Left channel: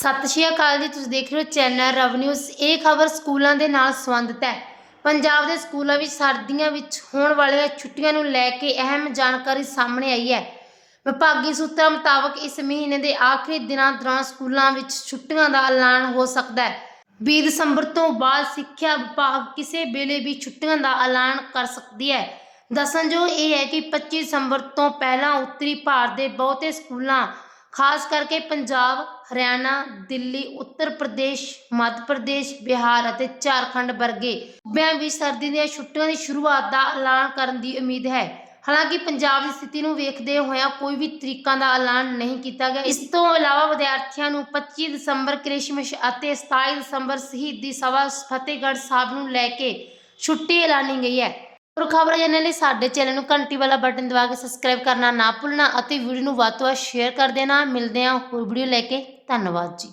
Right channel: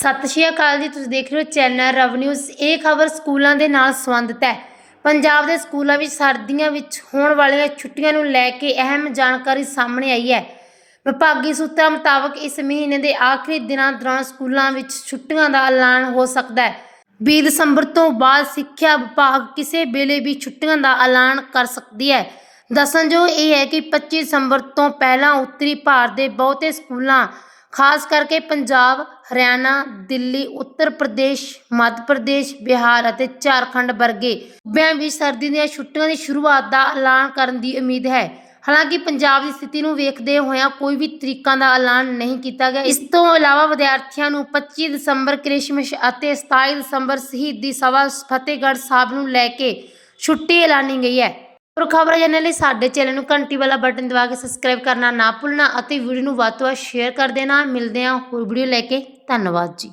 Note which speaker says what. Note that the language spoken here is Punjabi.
Speaker 1: ਸਤਿ ਸ਼੍ਰੀ ਅਕਾਲ ਜੀ, ਤੁਸੀਂ ਦੇਖ ਰਹੇ ਹੋ ਚੈਨਲ ਰਵ ਨਿਊਜ਼। ਇਹ ਖਬਰ ਸਕੂਲਾਂ ਦੇ ਨਾਲ ਸੰਬੰਧਿਤ ਹੈ। ਪੰਜਾਬ ਦੇ ਸਕੂਲਾਂ ਵਿੱਚ ਸਰਦੀਆਂ ਵਿੱਚ ਹੋਣ ਵਾਲੀਆਂ ਛੁੱਟੀਆਂ ਨੂੰ ਲੈ ਕੇ ਅਹਿਮ ਜਾਣਕਾਰੀ ਸਾਹਮਣੇ ਆਈ ਹੈ। ਵਿਭਾਗੀ ਸੂਤਰਾਂ ਮੁਤਾਬਕ ਇਸ ਮਹੀਨੇ ਦੇ ਆਖਰੀ ਦਿਨਾਂ ਦੌਰਾਨ ਸਕੂਲਾਂ ਵਿੱਚ ਛੁੱਟੀਆਂ ਦਾ ਐਲਾਨ ਹੋ ਸਕਦਾ ਹੈ। 20 ਦਸੰਬਰ ਤੋਂ ਬਾਅਦ ਸਿੱਖਿਆ ਵਿਭਾਗ ਕਿਸੇ ਵੇਲੇ ਵੀ ਛੁੱਟੀਆਂ ਦਾ ਐਲਾਨ ਕਰ ਸਕਦੀ ਹੈ। ਦੱਸਣਯੋਗ ਇਹ ਹੈ ਕਿ 25 ਦਸੰਬਰ ਤੋਂ ਪਹਿਲਾਂ ਉੱਤਰੀ ਭਾਰਤ ਦੇ ਬਹੁਤੇ ਸਕੂਲਾਂ ਖਾਸ ਕਰਕੇ ਪੰਜਾਬ, ਹਰਿਆਣਾ, ਦਿੱਲੀ, ਉੱਤਰ ਪ੍ਰਦੇਸ਼, ਮੱਧ ਪ੍ਰਦੇਸ਼, ਬਿਹਾਰ ਅਤੇ ਝਾਰਖੰਡ ਵਰਗੇ ਸੂਬਿਆਂ ਵਿੱਚ ਸਰਦੀ ਦੀਆਂ ਛੁੱਟੀਆਂ ਦੀ ਸ਼ੁਰੂਆਤ ਦਾ ਐਲਾਨ ਕਰਨ ਦੀ ਉਮੀਦ ਹੈ। ਹਾਲਾਂਕਿ ਪੰਜਾਬ ਦੀ ਸਥਿਤੀ ਨੂੰ ਵੇਖਦੇ ਹੋਇਆ ਕੋਈ ਵੀ ਤਰੀਕਾਂ ਦਾ ਐਲਾਨ ਨਹੀਂ ਕੀਤਾ ਗਿਆ। ਇਸ ਤੋਂ ਇਲਾਵਾ ਵਿਦਿਆਰਥੀਆਂ ਨੂੰ 25 ਦਸੰਬਰ ਕ੍ਰਿਸਮਸ ਅਤੇ 27 ਦਸੰਬਰ ਸ਼ਹੀਦੀ ਸਭਾ ਫਤਿਹਗੜ੍ਹ ਸਾਹਿਬ ਨੂੰ ਲੈ ਕੇ ਛੁੱਟੀ ਐਲਾਨੀ ਗਈ ਹੈ। ਹੋਰ ਖਬਰਾਂ ਜਾਣਨ ਲਈ ਸਾਡੇ ਚੈਨਲ ਨੂੰ ਘੰਟੀ ਵਾਲਾ ਬਟਨ ਦਬਾ ਕੇ ਸਬਸਕ੍ਰਾਈਬ ਕਰਨਾ ਨਾ ਭੁੱਲਣਾ ਅਤੇ ਵੀਡੀਓ ਨੂੰ ਵੱਧ ਤੋਂ ਵੱਧ ਸ਼ੇਅਰ ਕਰ ਦੇਣਾ। ਮਿਲਦੇ ਹਾਂ ਹੋਰ ਵੀਡੀਓ ਲੈ ਕੇ। ਧੰਨਵਾਦ ਜੀ।